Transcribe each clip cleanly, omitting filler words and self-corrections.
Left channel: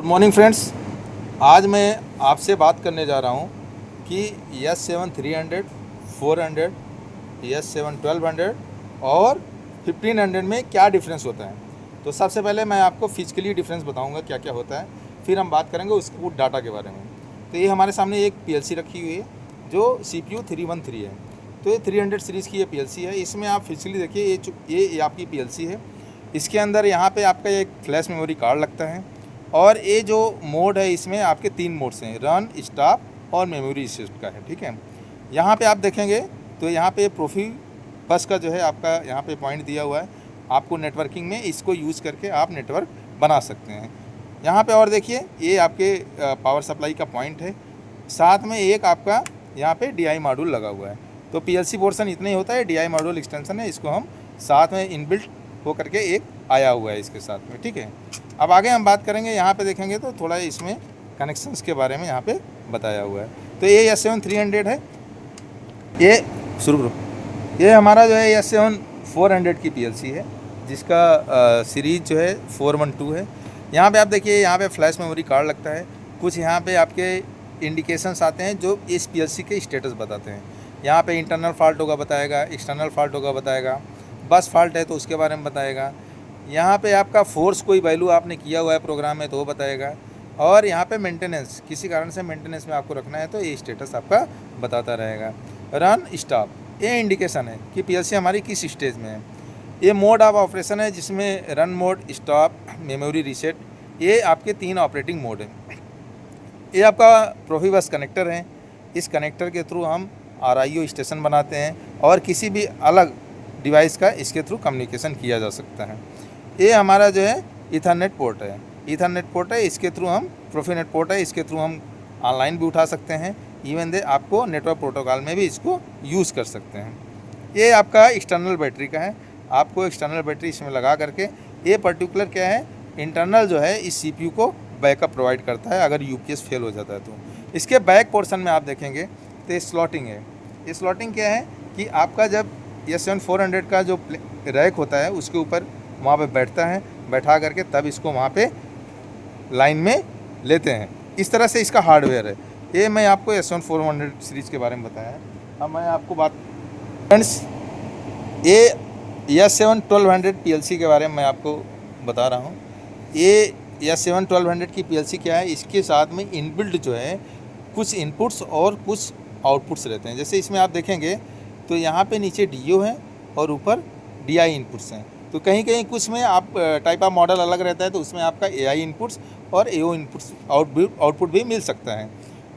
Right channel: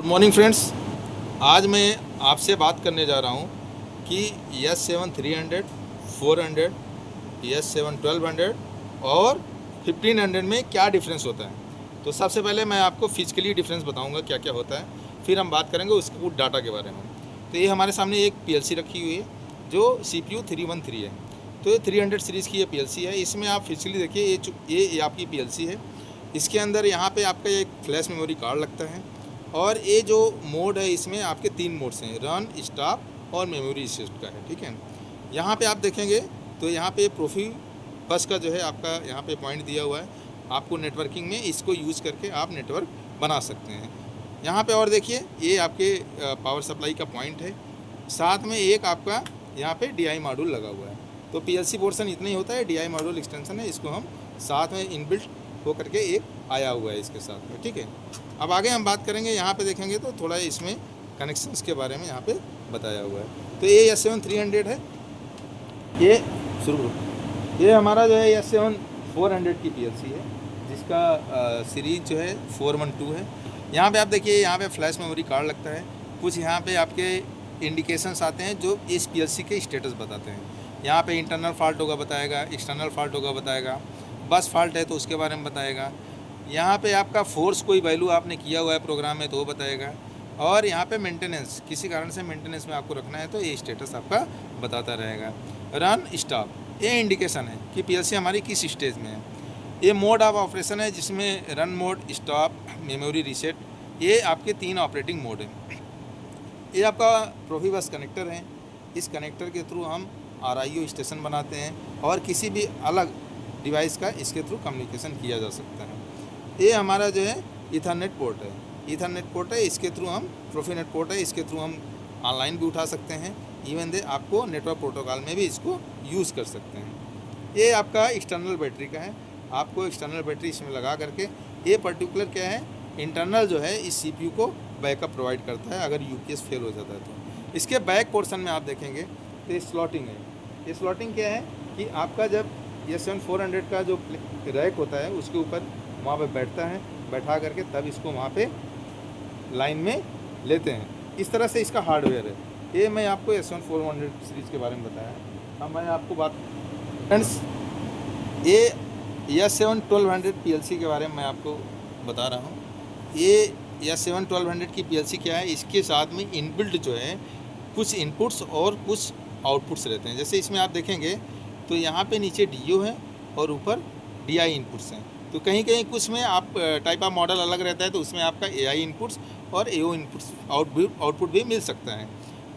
Good morning friends. आज मैं आपसे बात करने जा रहा हूँ कि S7 300, 400, S7 1200 और 1500 में क्या डिफरेंस होता है। तो सबसे पहले मैं आपको फिजिकली डिफरेंस बताऊँगा क्या क्या होता है, फिर हम बात करेंगे उसके डाटा के बारे में। तो ये हमारे सामने एक PLC रखी हुई है जो CPU 313 है। तो ये 300 सीरीज़ की ये PLC है। इसमें आप फिजिकली देखिए, ये आपकी PLC है। इसके अंदर यहाँ पे आपका एक फ्लैश मेमोरी कार्ड लगता है और ये जो मोड है इसमें आपके 3 मोड्स हैं, रन, स्टॉप और मेमोरी शिफ्ट का है। ठीक है, यहाँ पे आप देखेंगे तो यहाँ पे प्रोफी बस का जो है आपका यहाँ पे पॉइंट दिया हुआ है। आपको नेटवर्किंग में इसको यूज़ करके आप नेटवर्क बना सकते हैं। यहाँ पे और देखिए, ये आपके पावर सप्लाई का पॉइंट है। साथ में एक आपका यहाँ पे DI मॉड्यूल लगा हुआ है। तो PLC पोर्शन इतना ही होता है, DI मॉड्यूल एक्सटेंशन है, इसको हम साथ में इनबिल्ट हो करके एक आया हुआ है इसके साथ में। ठीक है, अब आगे हम बात करेंगे। यहाँ पे देखेंगे तो थोड़ा इसमें कनेक्शंस के बारे में यहाँ पे बताया हुआ है। तो ये S7 300 है, ये शुरू ये हमारा जो है S7 400 की PLC है, जिसका सीरीज जो है 412 है। यहाँ पे आप देखिए, यहाँ पे फ्लैश मेमोरी कार्ड लगता है। कुछ यहाँ पे आपके इंडिकेशंस आते हैं जो इस PLC के स्टेटस बताते हैं। यहाँ पे इंटरनल फॉल्ट होगा बताएगा, एक्सटर्नल फॉल्ट होगा बताएगा, बस फॉल्ट है तो उसके बारे में बताएगा। यहाँ पे आपका फोर्स कोई वैल्यू आपने किया हुआ है प्रोग्राम में तो वो बताएगा। और यहाँ पे मेंटेनेंस, किसी कारण से मेंटेनेंस में आपको रखना है तो ये स्टेटस आपका बताता रहेगा। रन, स्टॉप, ये इंडिकेशन है कि PLC हमारी किस स्टेज में है। ये मोड ऑफ ऑपरेशन है जिसमें run mode, stop, memory reset, ये आपके 3 ऑपरेटिंग मोड हैं। ये आपका प्रोफिबस कनेक्टर है। इस कनेक्टर के थ्रू हम RIO स्टेशन बनाते हैं और किसी भी अलग डिवाइस का इसके थ्रू कम्युनिकेशन किया जा सकता है। ये हमारा जो है ईथरनेट पोर्ट है। ईथरनेट पोर्ट है, इसके थ्रू हम प्रोफिनेट पोर्ट है, इसके थ्रू हम ऑनलाइन भी उठा सकते हैं। इवन दे आपको नेटवर्क प्रोटोकॉल में भी इसको यूज़ कर सकते हैं। ये आपका एक्सटर्नल बैटरी का है। आपको एक्सटर्नल बैटरी इसमें लगा करके, ये पर्टिकुलर क्या है, इंटरनल जो है इस CPU को बैकअप प्रोवाइड करता है अगर UPS फेल हो जाता है तो। इसके बैक पोर्शन में आप देखेंगे तो ये स्लॉटिंग है। ये स्लॉटिंग क्या है कि आपका जब S7 400 का जो रैक होता है उसके ऊपर वहाँ पे बैठता है, बैठा करके तब इसको वहाँ पे लाइन में लेते हैं। इस तरह से इसका हार्डवेयर है। ये मैं आपको S7 400 सीरीज़ के बारे में बताया है। अब मैं आपको बात फ्रेंड्स, ये S7 1200 PLC के बारे में मैं आपको बता रहा हूँ। ये S7 1200 की PLC क्या है, इसके साथ में इनबिल्ट जो है कुछ इनपुट्स और कुछ आउटपुट्स रहते हैं। जैसे इसमें आप देखेंगे तो यहाँ पे नीचे DO है और ऊपर DI इनपुट्स हैं। तो कहीं कहीं कुछ में आप टाइप ऑफ मॉडल अलग रहता है तो उसमें आपका AI इनपुट्स और AO इनपुट्स आउटपुट भी मिल सकता है।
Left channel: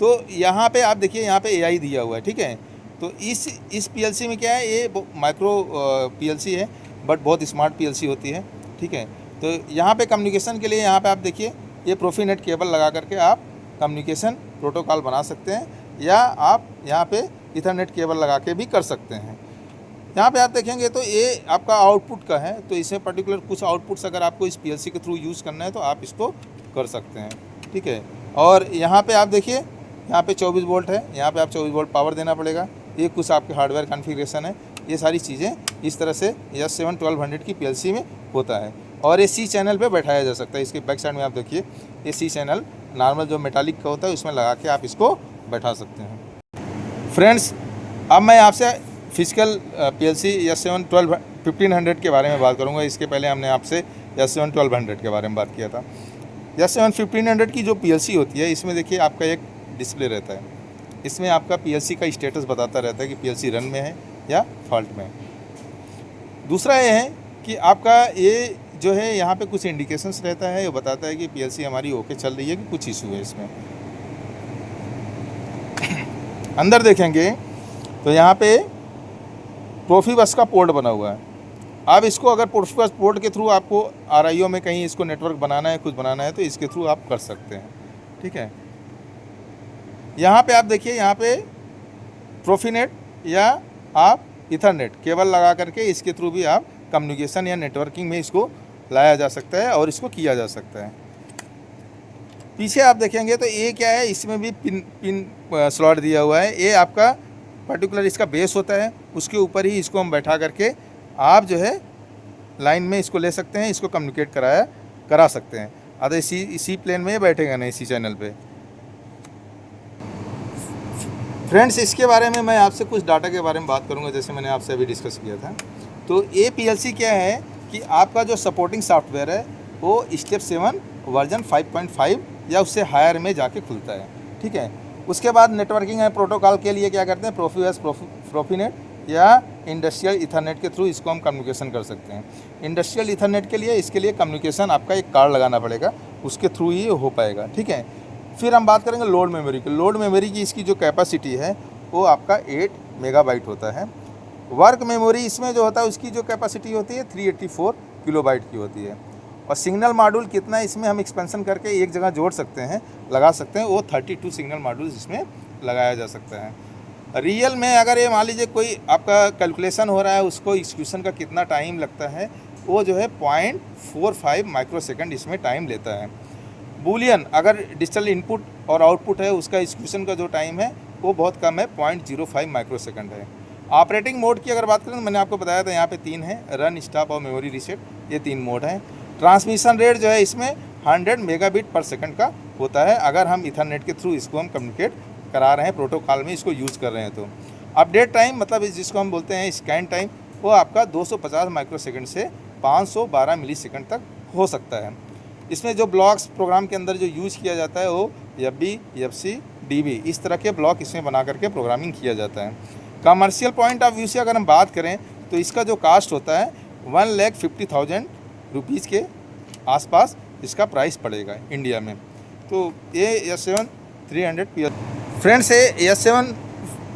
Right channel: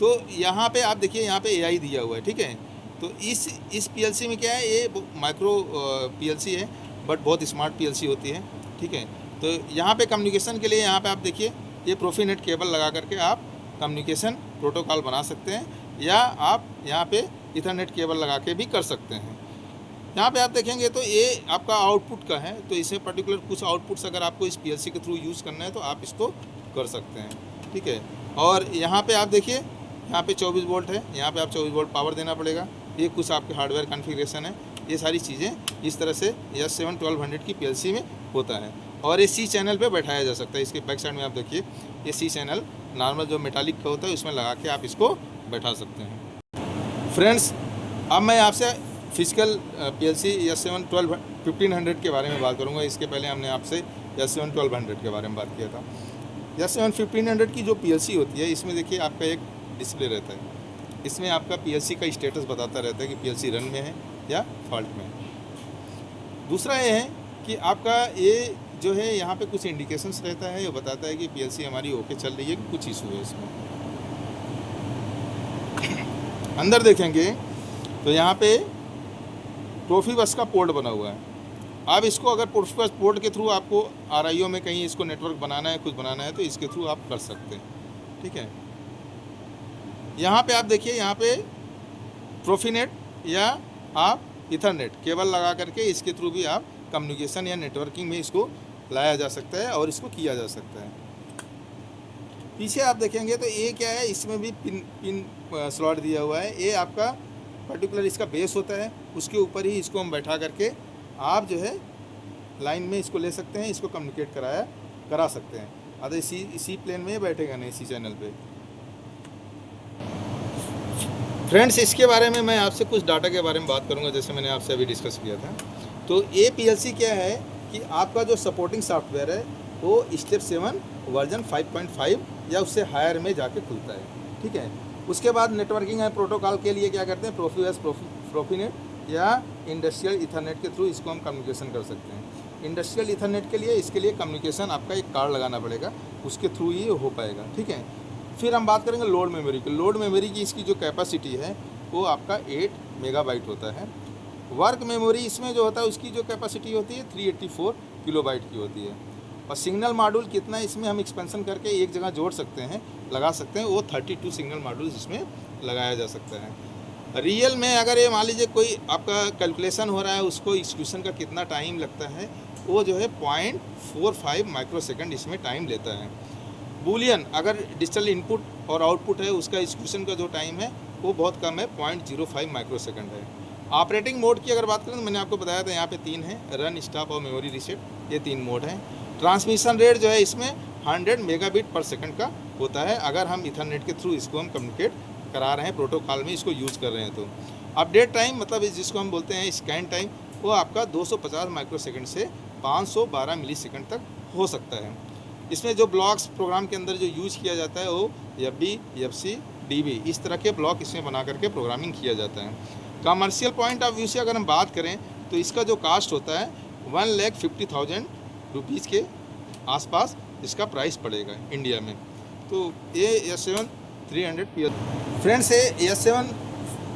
तो यहाँ पे आप देखिए, यहाँ पे AI दिया हुआ है। ठीक है, तो इस PLC में क्या है, ये माइक्रो PLC है बट बहुत स्मार्ट PLC होती है। ठीक है, तो यहाँ पे कम्युनिकेशन के लिए यहाँ पे आप देखिए, ये प्रोफीनेट केबल लगा करके आप कम्युनिकेशन प्रोटोकॉल बना सकते हैं, या आप यहाँ पे ईथरनेट केबल लगा के भी कर सकते हैं। यहाँ पे आप देखेंगे तो ये आपका आउटपुट का है। तो इसमें पर्टिकुलर कुछ आउटपुट्स अगर आपको इस PLC के थ्रू यूज़ करना है तो आप इसको कर सकते हैं। ठीक है, और यहाँ पे आप देखिए, यहाँ पे 24 वोल्ट है, यहाँ पे आप 24 वोल्ट पावर देना पड़ेगा। ये कुछ आपके हार्डवेयर कॉन्फ़िगरेशन है। ये सारी चीज़ें इस तरह से S7 1200 की PLC में होता है। और ये C चैनल पे बैठाया जा सकता है। इसके बैक साइड में आप देखिए, ये C चैनल नॉर्मल जो मेटालिक का होता है उसमें लगा के आप इसको बैठा सकते हैं। फ्रेंड्स, अब मैं आपसे फिजिकल PLC S7 1500 के बारे में बात करूंगा। इसके पहले हमने आपसे S7 1200 के बारे में बात किया था। S7 1500 की जो PLC होती है, इसमें देखिए आपका एक डिस्प्ले रहता है। इसमें आपका PLC का स्टेटस बताता रहता है कि PLC रन में है या फॉल्ट में है। दूसरा ये है कि आपका ये जो है यहाँ पे कुछ इंडिकेशंस रहता है, ये बताता है कि PLC हमारी ओके चल रही है कि कुछ इशू है इसमें। अंदर देखेंगे तो यहाँ पे प्रोफिबस का पोर्ट बना हुआ है। आप इसको अगर प्रोफिबस पोर्ट के थ्रू आपको RIO में कहीं इसको नेटवर्क बनाना है, कुछ बनाना है तो इसके थ्रू आप कर सकते हैं। ठीक है, यहाँ पे आप देखिए, यहाँ पे प्रोफिनेट या आप ईथरनेट केबल लगा करके इसके थ्रू भी आप कम्युनिकेशन या नेटवर्किंग में इसको लाया जा सकता है और इसको किया जा सकता है। पीछे आप देखेंगे तो ये क्या है, इसमें भी पिन स्लॉट दिया हुआ है। ये आपका पर्टिकुलर इसका बेस होता है, उसके ऊपर ही इसको हम बैठा करके आप जो है लाइन में इसको ले सकते हैं, इसको कम्युनिकेट करा सकते हैं। अरे इसी प्लेन में बैठेगा ना इसी चैनल पे। फ्रेंड्स, इसके बारे में मैं आपसे कुछ डाटा के बारे में बात करूंगा, जैसे मैंने आपसे अभी डिस्कस किया था। तो ये पीएलसी क्या है कि आपका जो सपोर्टिंग सॉफ्टवेयर है वो स्टेप 7 वर्जन 5.5 या उससे हायर में जाके खुलता है, ठीक है। उसके बाद नेटवर्किंग एंड प्रोटोकॉल के लिए क्या करते हैं, प्रोफीबस, प्रोफीनेट या इंडस्ट्रियल इथरनेट के थ्रू इसको हम कम्युनिकेशन कर सकते हैं। इंडस्ट्रियल इथरनेट के लिए इसके लिए कम्युनिकेशन आपका एक कार्ड लगाना पड़ेगा, उसके थ्रू ही हो पाएगा, ठीक है। फिर हम बात करेंगे लोड मेमोरी की। लोड मेमोरी की इसकी जो कैपेसिटी है वो आपका 8 मेगाबाइट होता है। वर्क मेमोरी इसमें जो होता है उसकी जो कैपेसिटी होती है 384 किलोबाइट की होती है। और सिग्नल मॉड्यूल कितना इसमें हम एक्सपेंशन करके एक जगह जोड़ सकते हैं, लगा सकते हैं, वो 32 सिग्नल मॉड्यूल इसमें लगाया जा सकता है। रियल में अगर ये मान लीजिए कोई आपका कैलकुलेशन हो रहा है, उसको एग्जीक्यूशन का कितना टाइम लगता है, वो जो है 0.45 माइक्रोसेकंड इसमें टाइम लेता है। बूलियन अगर डिजिटल इनपुट और आउटपुट है, उसका एग्जीक्यूशन का जो टाइम है वो बहुत कम है, 0.05 माइक्रोसेकंड है। ऑपरेटिंग मोड की अगर बात करें तो मैंने आपको बताया था यहाँ पे 3 है, रन, स्टॉप और मेमोरी रीसेट, ये 3 मोड हैं। ट्रांसमिशन रेट जो है इसमें 100 मेगाबिट पर सेकंड का होता है, अगर हम इथरनेट के थ्रू इसको हम कम्युनिकेट करा रहे हैं, प्रोटोकॉल में इसको यूज़ कर रहे हैं तो। अपडेट टाइम मतलब जिसको हम बोलते हैं स्कैन टाइम, वो आपका 250 माइक्रोसेकंड से 512 मिलीसेकंड तक हो सकता है। इसमें जो ब्लॉक्स प्रोग्राम के अंदर जो यूज़ किया जाता है वो एफबी, एफसी, डीबी, इस तरह के ब्लॉक इसमें बना करके प्रोग्रामिंग किया जाता है। कमर्शियल पॉइंट ऑफ व्यू से अगर हम बात करें तो इसका जो कास्ट होता है 1,50,000 रुपीज़ के आसपास इसका प्राइस पड़ेगा इंडिया में। तो ये S7 300 PLC फ्रेंड्स, ये S7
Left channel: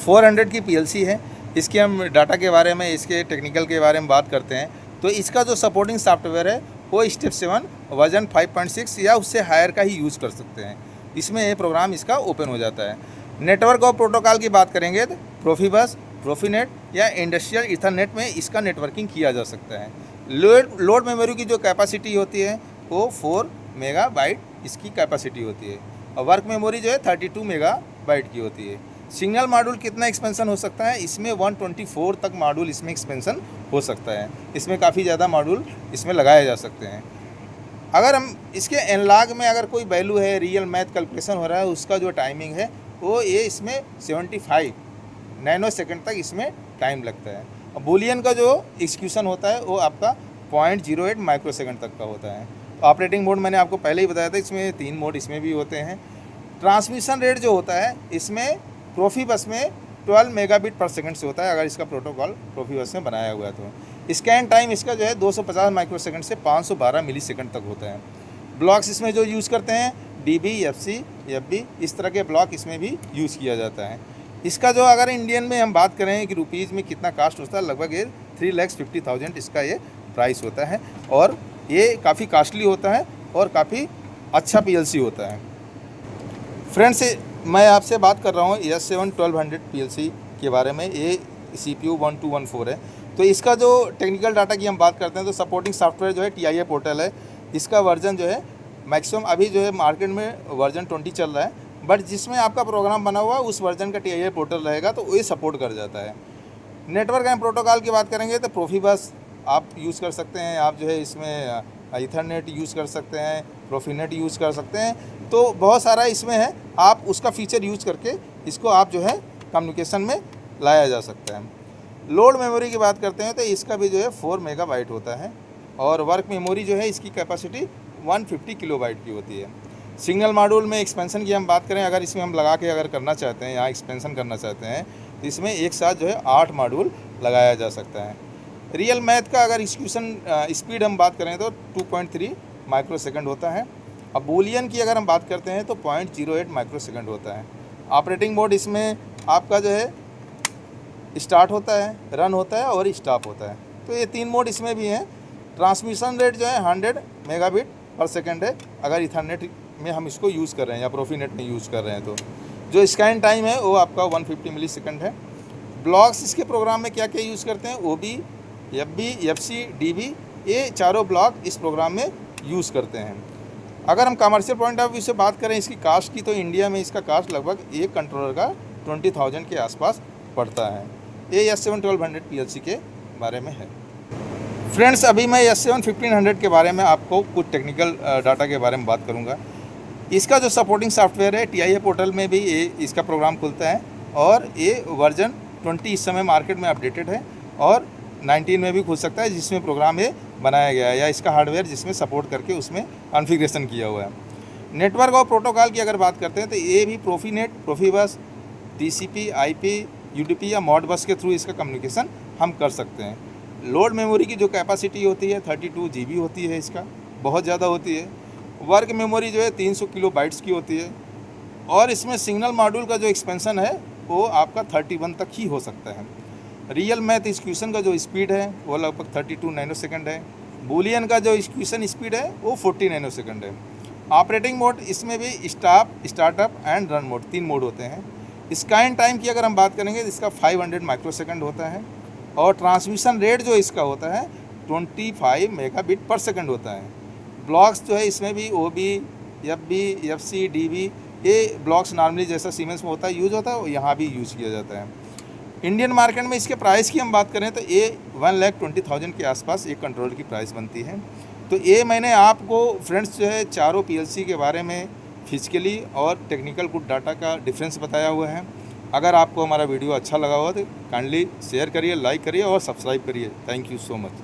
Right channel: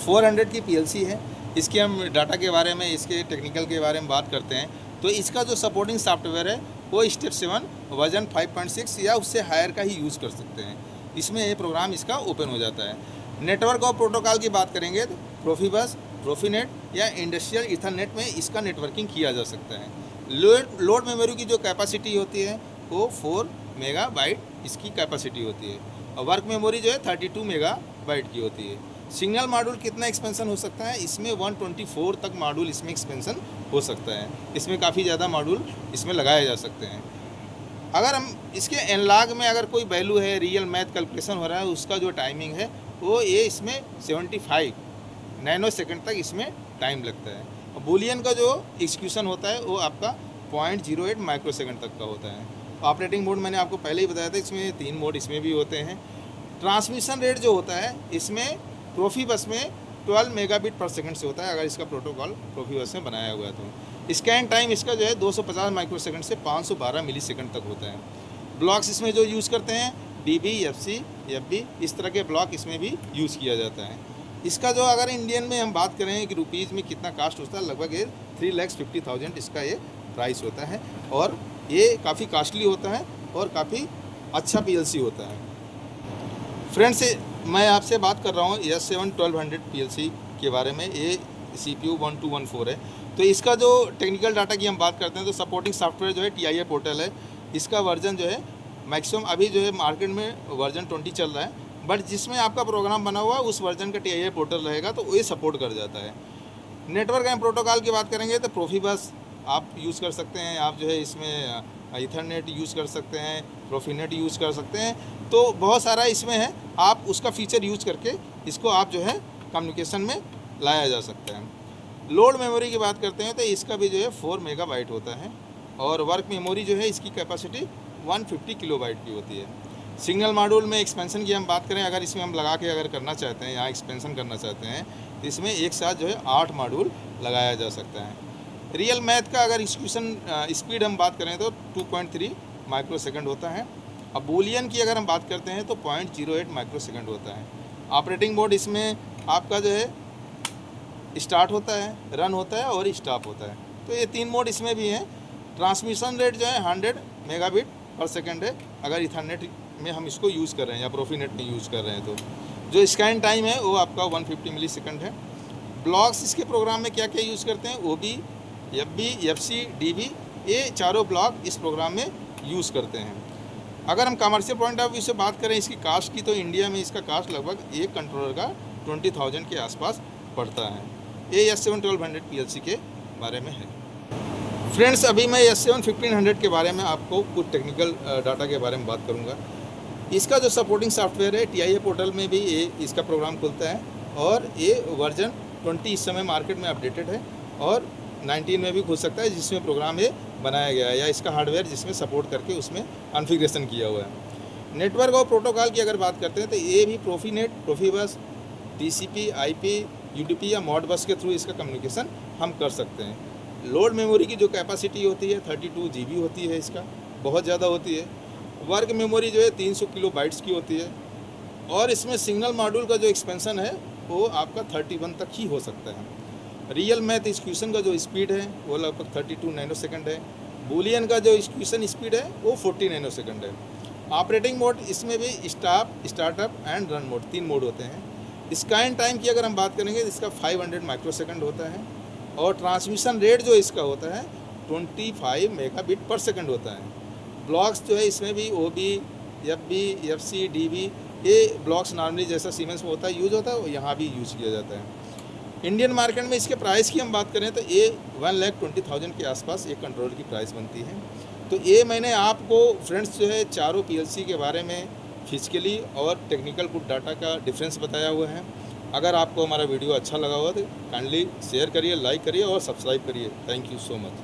400 की PLC है। इसके हम डाटा के बारे में, इसके टेक्निकल के बारे में बात करते हैं। तो इसका जो सपोर्टिंग सॉफ्टवेयर है वो स्टेप 7 वर्जन 5.6 या उससे हायर का ही यूज़ कर सकते हैं। इसमें ये प्रोग्राम इसका ओपन हो जाता है। नेटवर्क और प्रोटोकॉल की बात करेंगे तो प्रोफीबस, प्रोफीनेट या इंडस्ट्रियल इथरनेट में इसका नेटवर्किंग किया जा सकता है। लोड मेमोरी की जो कैपेसिटी होती है वो 4 मेगाबाइट इसकी कैपेसिटी होती है, और वर्क मेमोरी जो है 32 मेगाबाइट की होती है। सिग्नल मॉड्यूल कितना एक्सपेंशन हो सकता है, इसमें 124 तक मॉड्यूल इसमें एक्सपेंशन हो सकता है। इसमें काफ़ी ज़्यादा मॉड्यूल इसमें लगाए जा सकते हैं। अगर हम इसके एनालॉग में अगर कोई वैल्यू है, रियल मैथ कैलकुलेशन हो रहा है, उसका जो टाइमिंग है वो ये इसमें 75 नैनो सेकंड तक इसमें टाइम लगता है। और बूलियन का जो एग्जीक्यूशन होता है वो आपका 0.08 माइक्रोसेकंड तक का होता है। ऑपरेटिंग मोड मैंने आपको पहले ही बताया था, इसमें 3 मोड इसमें भी होते हैं। ट्रांसमिशन रेट जो होता है इसमें प्रोफीबस में 12 मेगाबिट पर सेकंड से होता है, अगर इसका प्रोटोकॉल प्रोफीबस में बनाया हुआ है तो। स्कैन टाइम इसका जो है 250 माइक्रोसेकंड से 512 मिलीसेकंड तक होता है। ब्लॉक्स इसमें जो यूज़ करते हैं डीबी, एफसी, एफबी, इस तरह के ब्लॉक इसमें भी यूज़ किया जाता है। इसका जो अगर इंडियन में हम बात करें कि रुपीज़ में कितना कास्ट होता है, लगभग ये 3,50,000 इसका ये प्राइस होता है, और ये काफ़ी कास्टली होता है और काफ़ी अच्छा PLC होता है। फ्रेंड्स, मैं आपसे बात कर रहा हूँ S7 1200 PLC के बारे में। ये CPU 1214 है। तो इसका जो टेक्निकल डाटा की हम बात करते हैं तो सपोर्टिंग सॉफ्टवेयर जो है TIA पोर्टल है। इसका वर्जन जो है मैक्सिमम अभी जो है मार्केट में वर्जन 20 चल रहा है, बट जिसमें आपका प्रोग्राम बना हुआ है उस वर्जन का TIA पोर्टल रहेगा तो ये सपोर्ट कर जाता है। नेटवर्क एंड प्रोटोकॉल की बात करेंगे तो प्रोफीबस आप यूज़ कर सकते हैं, आप जो है इसमें इथरनेट यूज़ कर सकते हैं, प्रोफीनेट यूज़ कर सकते हैं, तो बहुत सारा इसमें है। आप उसका फीचर यूज़ करके इसको आप जो है कम्युनिकेशन में लाया जा सकता है। लोड मेमोरी की बात करते हैं तो इसका भी जो है 4 मेगाबाइट होता है, और वर्क मेमोरी जो है इसकी कैपेसिटी 150 किलोबाइट की होती है। सिग्नल मॉड्यूल में एक्सपेंशन की हम बात करें, अगर इसमें हम लगा के अगर करना चाहते हैं, यहाँ एक्सपेंशन करना चाहते हैं, तो इसमें एक साथ जो है 8 मॉड्यूल लगाया जा सकता है। रियल मैथ का अगर एग्जीक्यूशन स्पीड हम बात करें तो 2.3 माइक्रोसेकंड होता है। अब बूलियन की अगर हम बात करते हैं तो 0.08 माइक्रोसेकंड होता है। ऑपरेटिंग मोड इसमें आपका जो है स्टार्ट होता है, रन होता है और स्टॉप होता है, तो ये 3 मोड इसमें भी हैं। ट्रांसमिशन रेट जो है 100 मेगाबिट पर सेकंड है, अगर इथरनेट में हम इसको यूज़ कर रहे हैं या प्रोफीनेट में यूज़ कर रहे हैं तो। जो स्कैन टाइम है वो आपका 150 मिलीसेकंड है। ब्लॉक्स इसके प्रोग्राम में क्या क्या यूज़ करते हैं, OB, FB, FC, DB, ये चारों ब्लॉक इस प्रोग्राम में यूज़ करते हैं। अगर हम कमर्शियल पॉइंट ऑफ व्यू से बात करें इसकी कास्ट की, तो इंडिया में इसका कास्ट लगभग एक कंट्रोलर का 20,000 के आसपास पड़ता है। ये S7 1200 PLC के बारे में है। फ्रेंड्स, अभी मैं S7 1500 के बारे में आपको कुछ टेक्निकल डाटा के बारे में बात करूंगा। इसका जो सपोर्टिंग सॉफ्टवेयर है TIA पोर्टल में भी ये इसका प्रोग्राम खुलता है और ये वर्जन 20 इस समय मार्केट में अपडेटेड है और 19 में भी खुल सकता है, जिसमें प्रोग्राम ये बनाया गया है या इसका हार्डवेयर जिसमें सपोर्ट करके उसमें कॉन्फ़िगरेशन किया हुआ है। नेटवर्क और प्रोटोकॉल की अगर बात करते हैं तो ये भी प्रोफीनेट, प्रोफीबस, TCP, IP, UDP या मॉडबस के थ्रू इसका कम्युनिकेशन हम कर सकते हैं। लोड मेमोरी की जो कैपेसिटी होती है 32 GB होती है, इसका बहुत ज़्यादा होती है। वर्क मेमोरी जो है 300 किलोबाइट्स की होती है और इसमें सिग्नल मॉड्यूल का जो एक्सपेंशन है वो आपका 31 तक ही हो सकता है। रियल मैथ एक्सक्यूशन का जो स्पीड है वो लगभग 32 नैनोसेकंड है। बूलियन का जो एक्सक्यूशन स्पीड है वो 40 नैनोसेकंड है। ऑपरेटिंग मोड इसमें भी startup and run mode 3 mode होते हैं। स्कैन टाइम की अगर हम बात करेंगे तो इसका 500 माइक्रोसेकंड होता है और ट्रांसमिशन रेट जो इसका होता है 25 मेगाबिट पर सेकंड होता है। ब्लॉक्स जो है इसमें भी OB, FB, FC, DB ये ब्लॉक्स नॉर्मली जैसा सीमेंस में होता है यूज़ होता है, वो यहाँ भी यूज़ किया जाता है। इंडियन मार्केट में इसके प्राइस की हम बात करें तो ये 1,20,000 के आसपास एक कंट्रोलर की प्राइस बनती है। तो ये मैंने आपको फ्रेंड्स जो है चारों PLC के बारे में फिजिकली और टेक्निकल कुछ डाटा का डिफरेंस बताया हुआ है। अगर आपको हमारा वीडियो अच्छा लगा हो तो काइंडली शेयर करिए, लाइक करिए और सब्सक्राइब करिए। Thank you so much.